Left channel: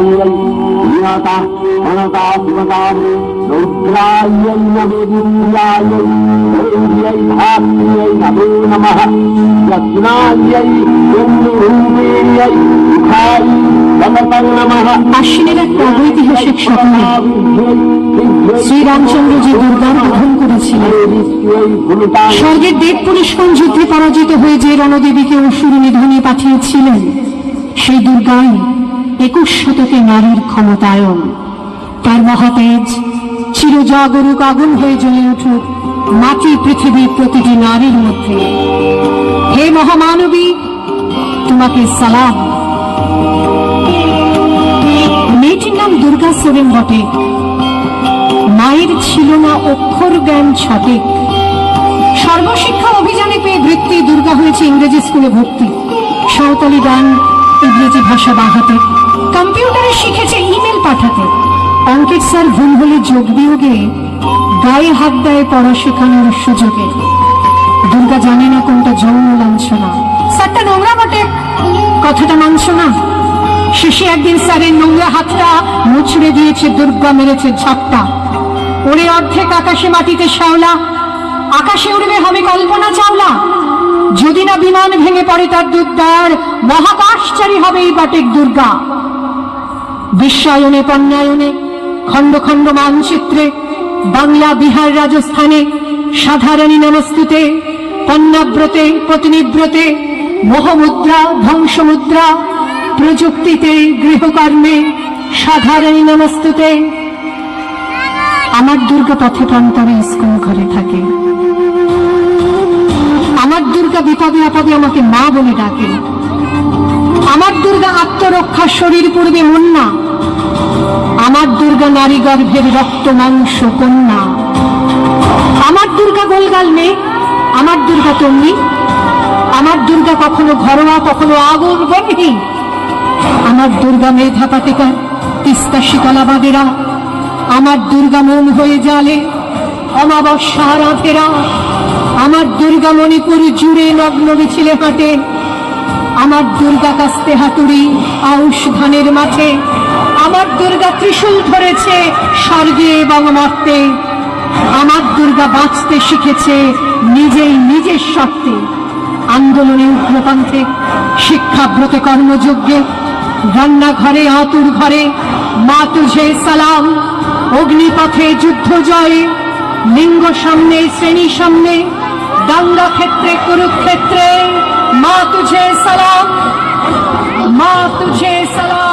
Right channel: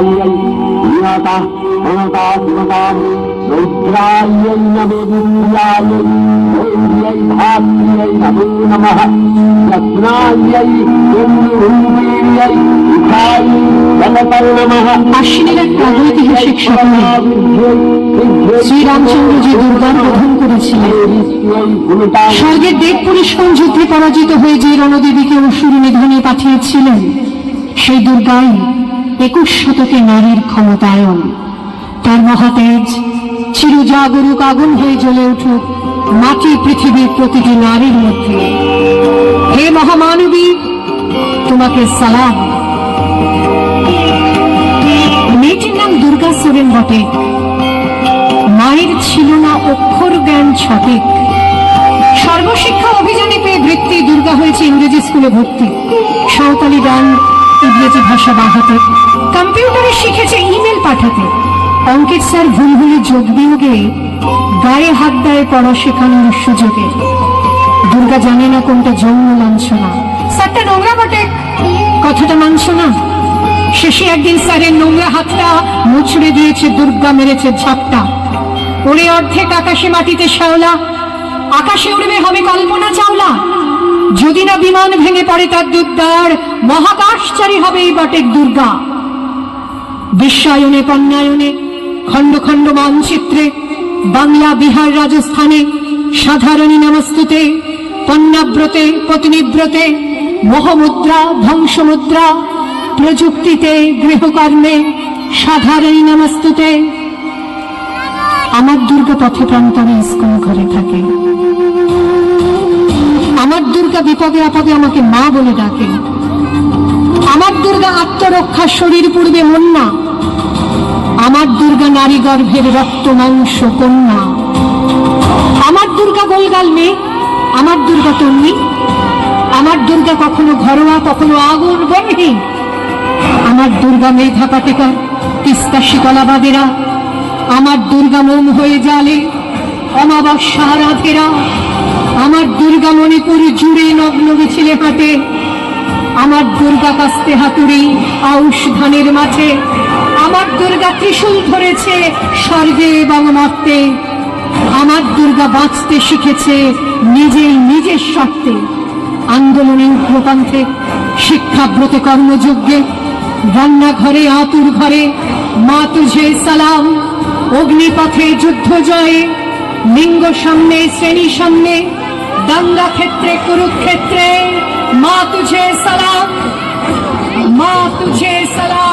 দুর্গাयै নিয়তা অনতা শিবতাম রুদ্রাयै নবেদিয়াयै ঐর্यै ভাগ্यै নমো নমঃ রত্নাयै চন্দ্ররূপিণ্যৈ ইথাই নমঃ নমঃ। আশ্বিনের এক প্রাগৈতিহাসিক স্বপ্নে শ্রীরামচন্দ্র যে দুর্গার বোধন করেছিলেন, স্বর্গের দেবপুরীষ্কণ যুদ্ধে পরাজিত হয়ে যে রণদেবীকে অসুর নিধনে পাঠিয়েছিলেন, সেই দুর্গাই 21 শতকে নারীর ক্ষমতায়ন। তার মহাতেজ চিরজাগরুক আগুন হয়ে জ্বলে উঠুক মাটি পৃথিবীর প্রতিটি নারীর মধ্যে। হে মহামানবী, তোমাকে সালাম। মেয়েটির নাম দুর্গা সোরেন বটে। মায়ের ছিল না অক্ষর জ্ঞান সঠিক। সর্বশিক্ষা অভিযানে পেয়ে বৃত্তি দুর্গা হয়েছে ইংরেজি স্কুলে ভর্তি। সাঁওতালি গান, ইংরেজি ভাষা দেখাতে, কম্পিউটারে শিখেছে ইমেল পাঠাতে। অঙ্কের স্যার ভুল হলে যোগ বিয়োগে গায়ে হাত দেয় পড়া শেখানোর সুযোগে। দুর্গা জানে না কোনটা যৌন লাঞ্ছনা। স্যারটা নোংরা বটে, কথাটা মানছ না। শেষে একদিন স্যারের নোংরা হাতটা মুছড়ে দিয়েছে দুর্গা, মেরেছে ঝাপটা। ওরে অর্ধেক আকাশে মাটিতে শ্যাওলা, আকাশে উড়বে হবে কল্পনা চাওলা। যদি না বিমান ভেঙে পড়ে তার দুর্দার, মহাকাশচারী হবে এই বটেক দুর্গা। বিশ্বায়নে পণ্যায়নে খণ্ড খণ্ড মানচিত্রে, বাংলা বিহার রাজস্থানে সাধারণী নমস্তুতে, পণ্যাব্রতে পত্নীব্রতে, মোহমুদ্রা ধ্বংসমুদ্রা, প্রযুক্তিতে গৃহকর্মে সাধারণী নমস্তুতে। আমার দুর্গা পথে প্রান্তরে স্কুল ঘরে থাকে। আমার দুর্গা বিপদে আপদে আমাকে মা বলে ডাকে। আমার দুর্গা আত্মরক্ষা, শরীর পূর্বে মন না। আমার দুর্গা নারী গর্ভের রক্ত মাংস কন্যা। আমার দুর্গা গোলগাল মেয়ে, আমার দুর্গা তন্নি। আমার দুর্গা কখনো ঘরোয়া, কখনো আগুন বহীন। আমার দুর্গা মেধা পাতিকার, তিস্তা শীতলা বাগেরা। আমার দুর্গা মন হয়ে জালে অমাবস্যা রাধেরা। আমার দুর্গা মণিপুর জুড়ে নগ্ন মিছিলে হাঁটে। আমার দুর্গা কাস্তে হাতুড়ি আউশ ধানের মাঠে। আমার দুর্গা ত্রিশূল ধরেছে স্বর্গে এবং মর্তে। আমার দুর্গা বাঁচতে শিখেছে নিজেই নিজের স্বার্থে। আন্দোলনে উগ্রপন্থে, শিক্ষাব্রতে কর্মযজ্ঞে, রান্নাঘরে আতুর ঘরে মা তুঝে সালাম। অগ্নিপথে যুদ্ধ জয়ে, লিঙ্গ সামনে শ্রেণী সামনে, দাঙ্গা ক্ষেত্রে কুরুক্ষেত্রে মা তুঝে সালাম, মা তুঝে সালাম।